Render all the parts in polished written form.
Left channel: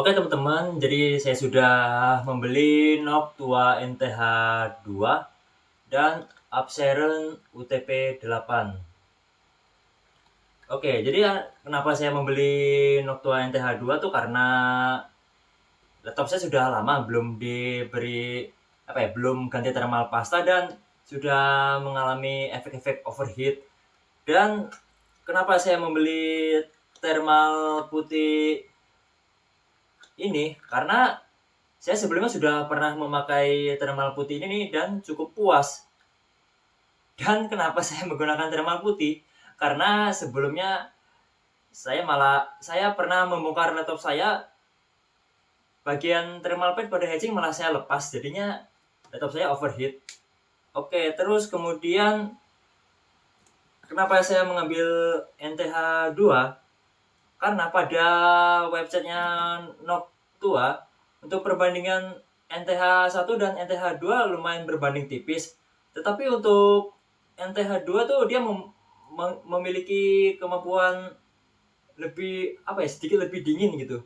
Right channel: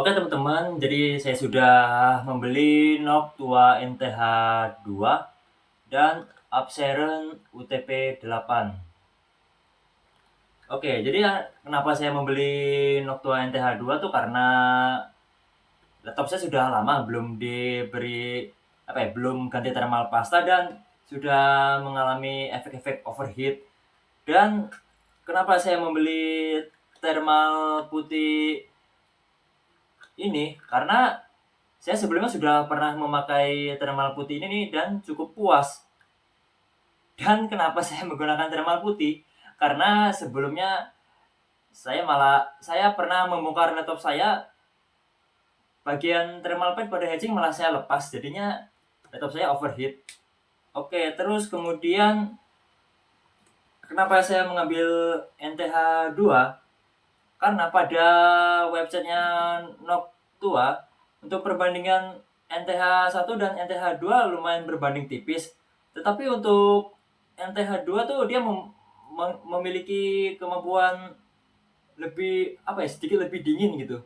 Oke teman-teman, jadi saya sudah membeli Noctua NTH2 dan Upseren UTP 8. Oke, jadi kenapa saya membeli Noctua NTH2 tuh karena laptop saya sudah lama belum diberi belum ganti thermal pasta dan sudah mengalami efek-efek overheat. Dan kenapa saya membeli thermal putih ini? Karena saya sebelumnya sudah pernah memakai thermal putih ini nih dan cukup puas. Dan kenapa saya menggunakan thermal putih? Karena sebelumnya saya pernah membongkar laptop saya, bagian thermal paste pada hatching malah saya lepas, jadinya laptop saya overheat. Oke, terus kemudian kenapa saya mengambil NTH2? Karena pada websitenya Noctua untuk perbandingan NTH1 dan NTH2 lumayan berbanding tipis. Tetapi untuk NTH2 tuh dia memiliki kemampuan sedikit lebih dingin gitu.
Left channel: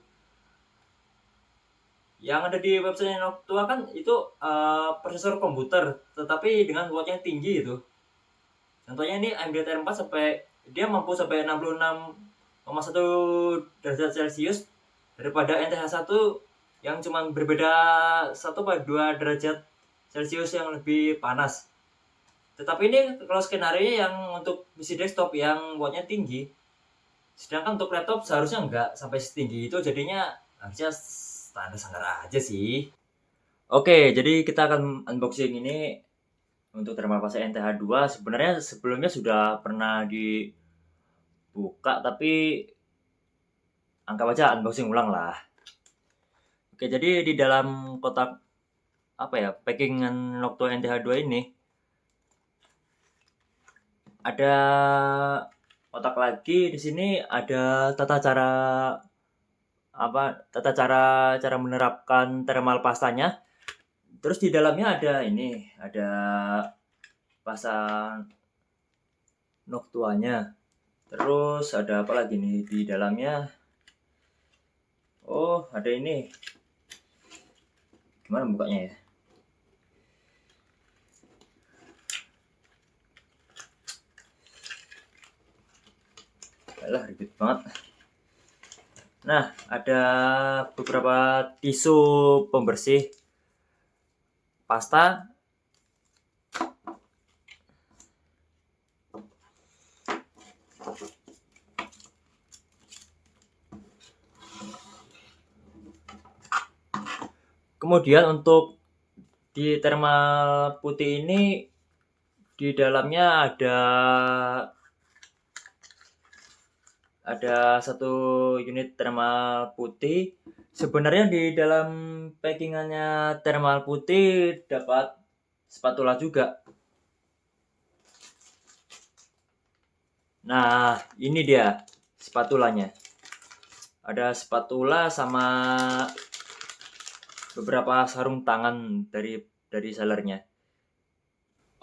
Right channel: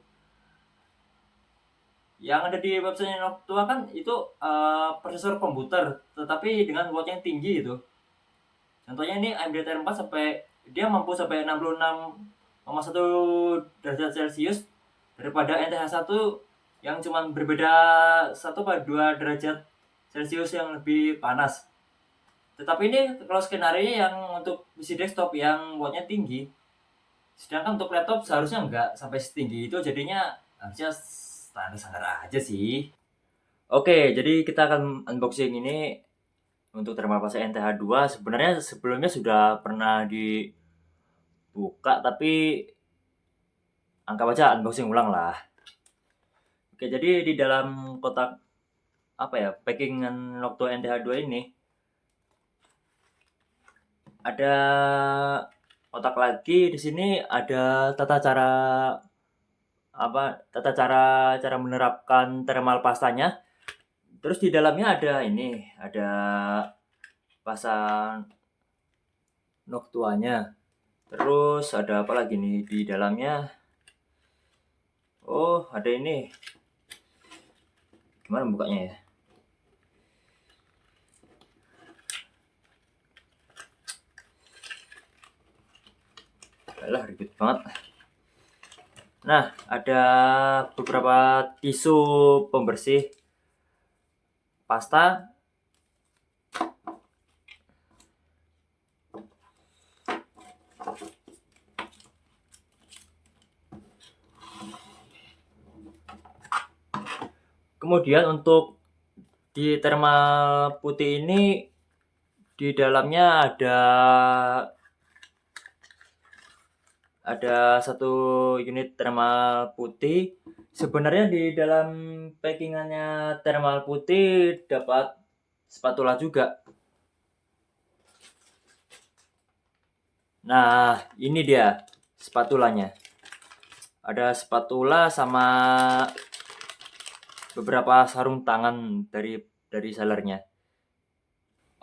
Yang ada di website Noctua kan itu prosesor komputer tetapi dengan watt yang tinggi itu. Contohnya ini AMD Tier 4 dia mampu sampai 66,1 derajat Celcius daripada NTH1 yang cuma berbeda 1-2 derajat Celcius yang lebih panas. Tetapi ini kalau skenario yang untuk PC desktop yang wattnya tinggi, sedangkan untuk laptop seharusnya enggak sampai setinggi itu, jadinya harusnya standar-standar aja sih. Oke, jadi kita akan unboxing ini untuk thermal paste NTH2. Sebenarnya sebelumnya sudah pernah dibuka, tapi anggap aja unboxing ulang lah. Oke, jadi di dalam kotak packingan Noctua NTH2 ini ada kotak lagi. Di sini ada tata cara menerapkan thermal pastanya. Terus di dalamnya ada pasta Noctuanya. Terus ada apa lagi nih di dalamnya? Oh, ada ini. Gimana bukanya ya? Alah, ribet banget. Nah, ada beberapa tisu pembersih pasta. Kemudian untuk di thermal putih ini di dalamnya ada satu unit thermal putih. Sebenarnya di dalam packingannya thermal putih dapat spatula juga. Nah, ini dia spatulanya. Ada spatula sama beberapa sarung tangan dari sellernya.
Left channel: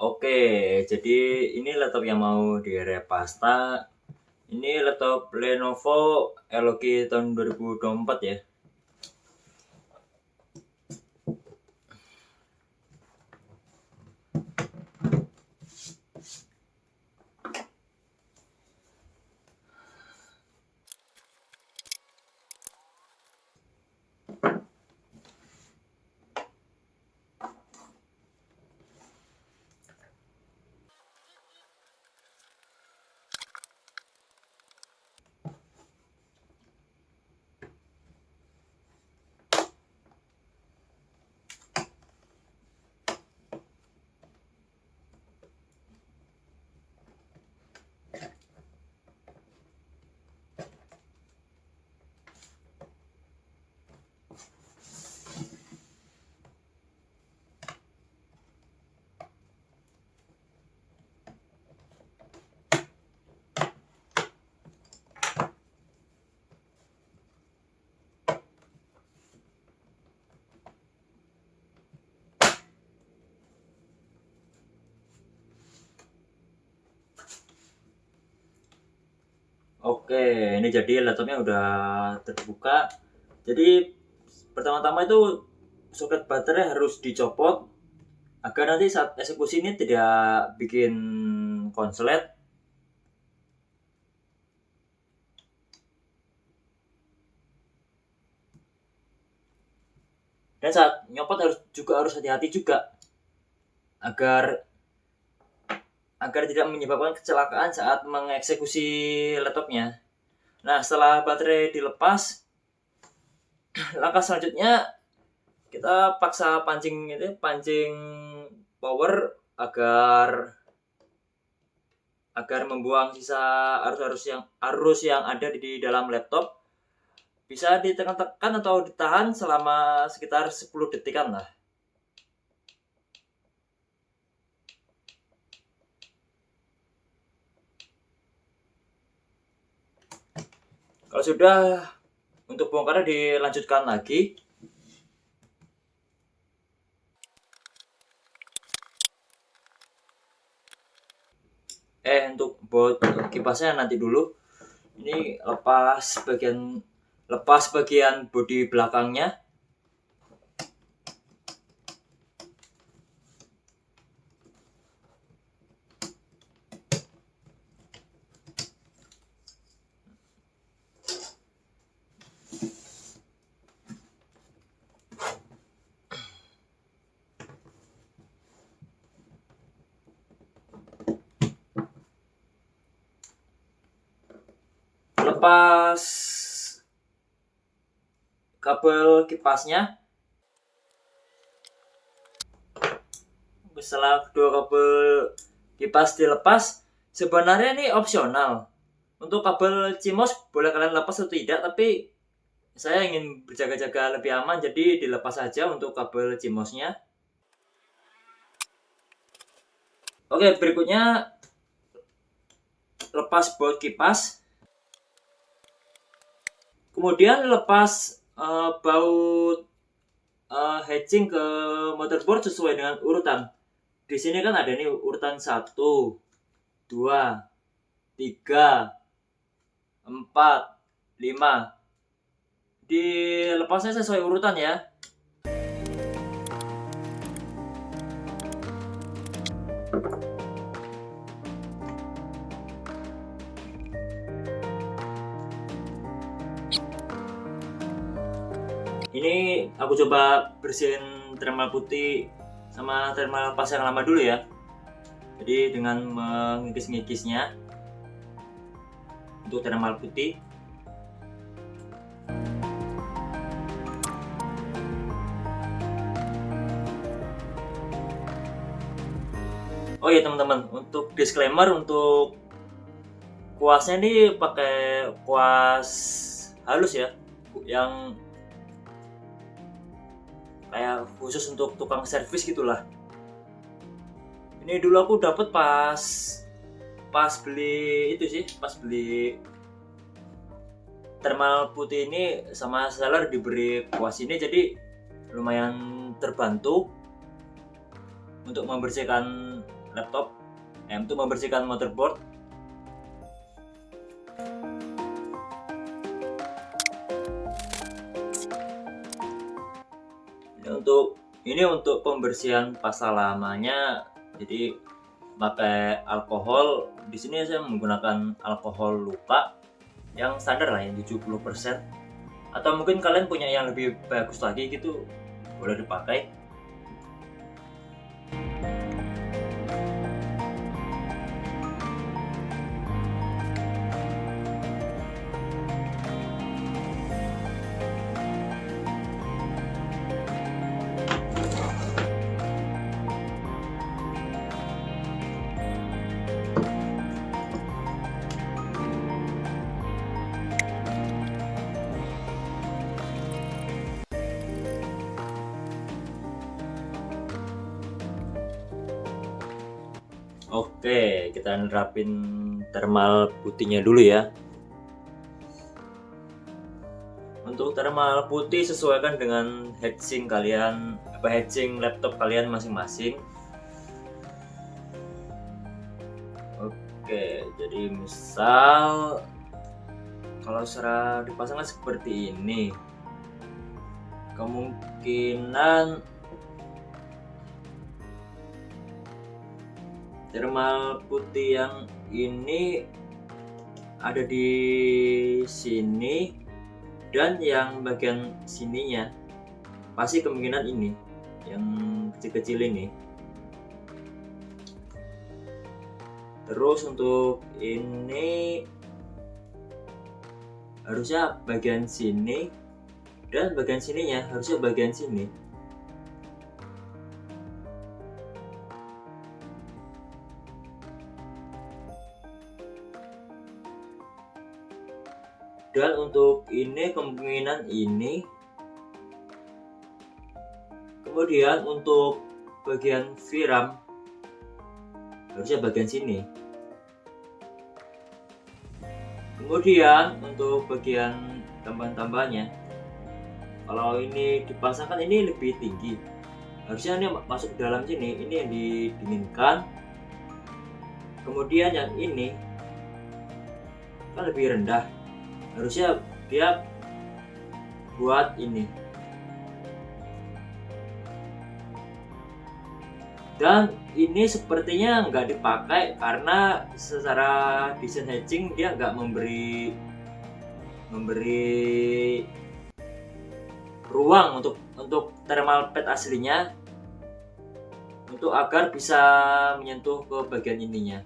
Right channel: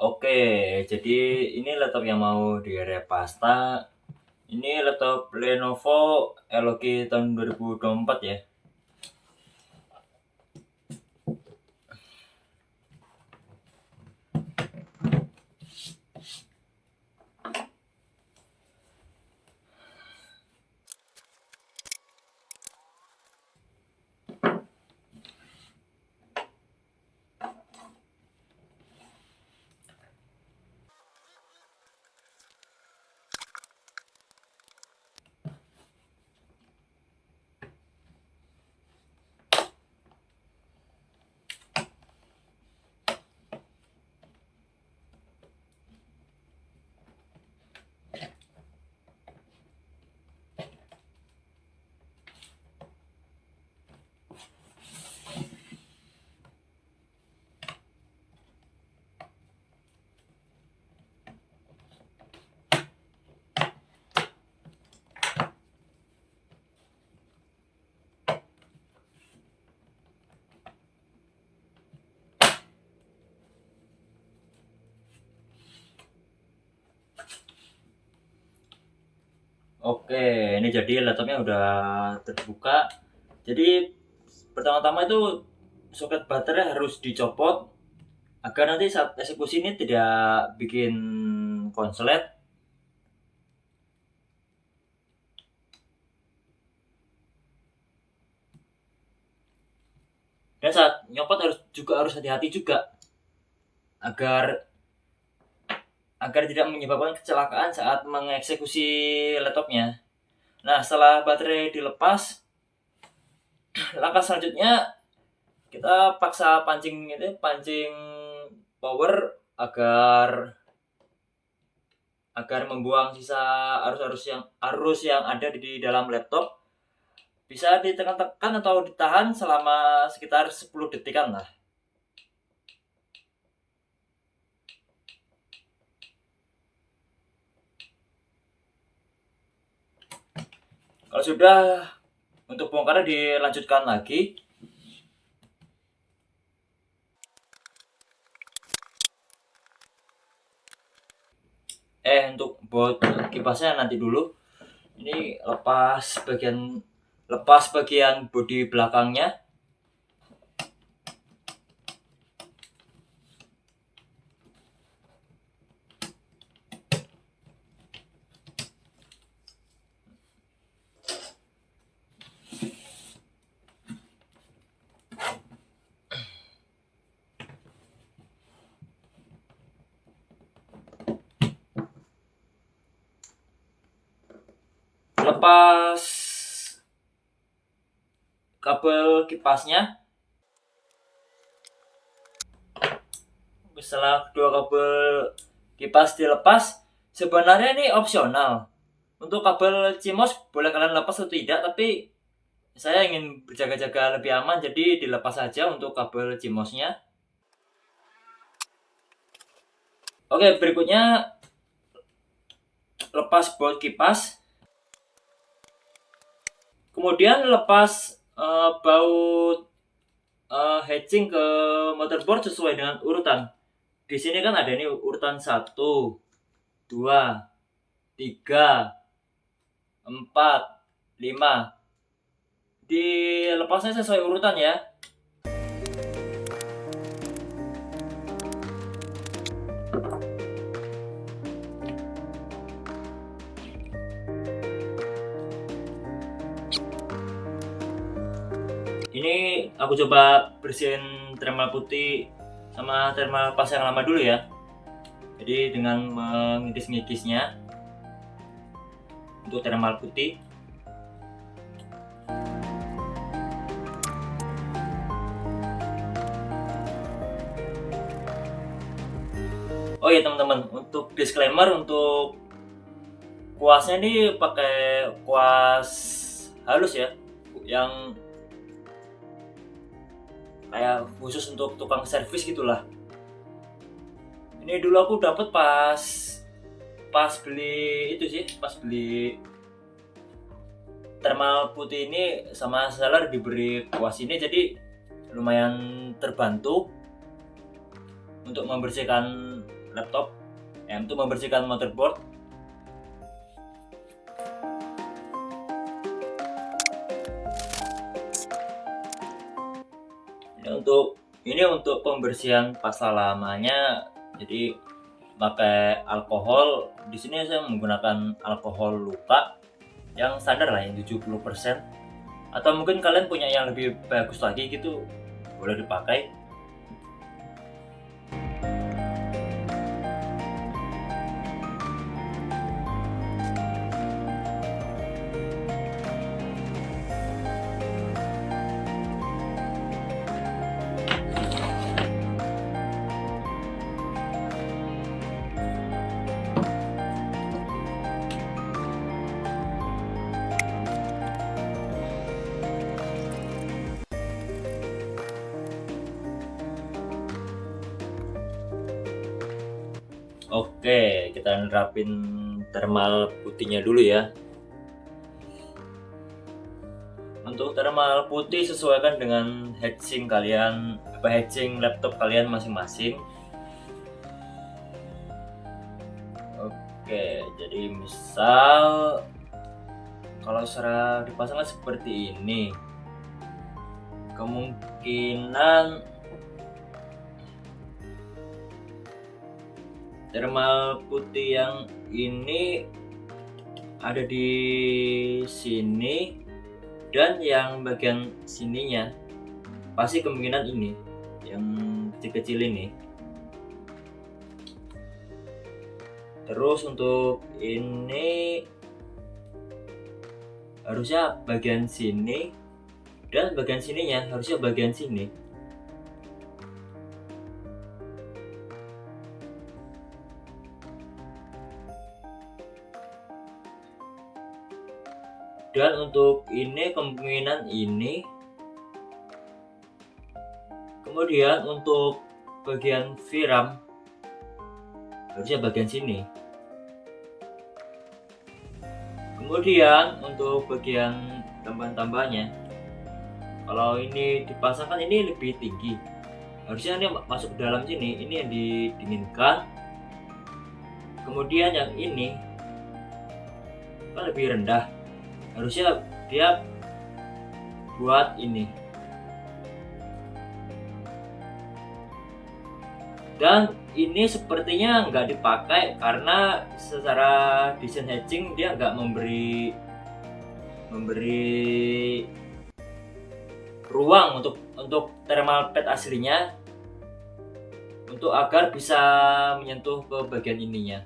Oke, jadi ini laptop yang mau direpasta. Ini laptop Lenovo LG tahun 2024 ya. Oke, ini jadi laptopnya udah terbuka. Jadi pertama-tama itu soket baterai harus dicopot agar nanti saat eksekusi ini tidak bikin konslet. Dan saat nyopot harus hati-hati juga agar tidak menyebabkan kecelakaan saat mengeksekusi laptopnya. Nah, setelah baterai dilepas, langkah selanjutnya kita paksa pancing power agar membuang sisa arus yang ada di dalam laptop. Bisa ditekan-tekan atau ditahan selama sekitar 10 detikan lah. Kalau sudah, untuk bongkarnya dilanjutkan lagi. Untuk baut kipasnya nanti dulu. Ini lepas bagian bodi belakangnya. Lepas kabel kipasnya. Setelah kedua kabel kipas dilepas, sebenarnya ini opsional. Untuk kabel CMOS boleh kalian lepas atau tidak, tapi saya ingin berjaga-jaga lebih aman, jadi dilepas saja untuk kabel CMOS-nya. Oke, berikutnya lepas baut kipas. Kemudian lepas baut hatching ke motherboard sesuai dengan urutan. Di sini kan ada nih urutan 1, 2, 3, 4, 5. Dilepasnya sesuai urutan ya. Ini aku coba bersihin thermal putih sama thermal pas yang lama dulu ya. Jadi dengan mengikis-ngikisnya untuk thermal putih. Oh ya teman-teman, untuk disclaimer, untuk kuasnya ini pakai kuas halus ya, yang kayak khusus untuk tukang servis gitulah. Ini dulu aku dapat pas beli itu sih, pas beli thermal putih ini sama seller diberi kuas ini, jadi lumayan terbantu untuk membersihkan laptop, untuk membersihkan motherboard. Ini untuk pembersihan pasta lamanya, jadi pakai alkohol. Di sini saya menggunakan alkohol luka yang standar lah, yang 70%. Atau mungkin kalian punya yang lebih bagus lagi gitu, boleh dipakai. Oke, kita nerapin thermal putihnya dulu ya. Untuk thermal putih sesuaikan dengan heatsink kalian, heatsink laptop kalian masing-masing. Oke, jadi misal kalau secara dipasangkan seperti ini. kemungkinan thermal putih yang ini ada di sini, dan yang bagian sininya pasti kemungkinan ini yang kecil-kecil ini. Terus untuk ini harusnya bagian sini, dan bagian sininya harusnya bagian sini. Dan untuk ini kemungkinan ini. Kemudian untuk bagian VRAM harusnya bagian sini. Kemudian untuk bagian tambahan-tambahannya, kalau ini dipasangkan ini lebih tinggi, harusnya ini masuk ke dalam sini, ini yang didinginkan. Kemudian yang ini kan lebih rendah, harusnya dia buat ini. Dan ini sepertinya nggak dipakai karena secara desain hatching dia nggak memberi ruang untuk thermal pad aslinya untuk agar bisa menyentuh ke bagian ininya.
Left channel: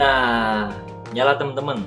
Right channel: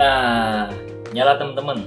Nah, nyala teman-teman.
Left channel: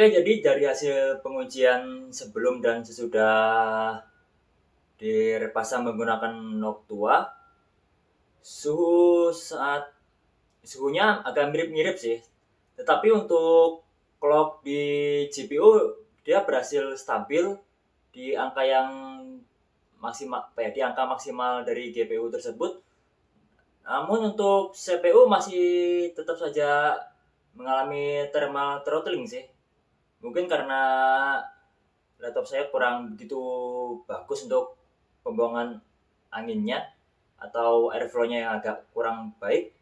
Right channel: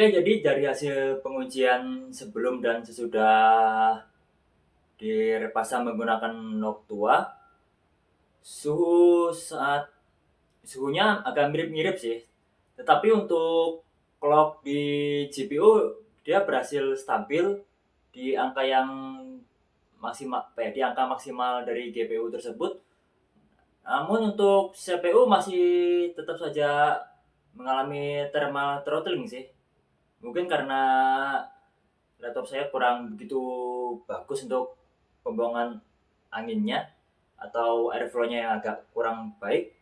Oke, jadi dari hasil pengujian sebelum dan sesudah direpasang menggunakan Noctua, suhu saat suhunya agak mirip-mirip sih. Tetapi untuk clock di GPU dia berhasil stabil di angka yang maksimal, di angka maksimal dari GPU tersebut. Namun untuk CPU masih tetap saja mengalami thermal throttling sih. Mungkin karena laptop saya kurang begitu bagus untuk pembuangan anginnya atau airflow-nya yang agak kurang baik.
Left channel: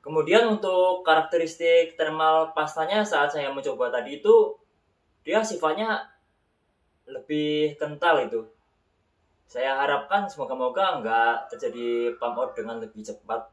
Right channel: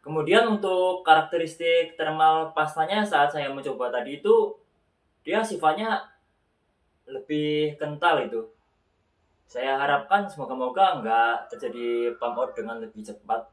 Kemudian untuk karakteristik thermal pastanya saat saya mencoba tadi itu dia sifatnya lebih kental itu. Saya harapkan semoga-moga nggak terjadi pump out dengan lebih cepat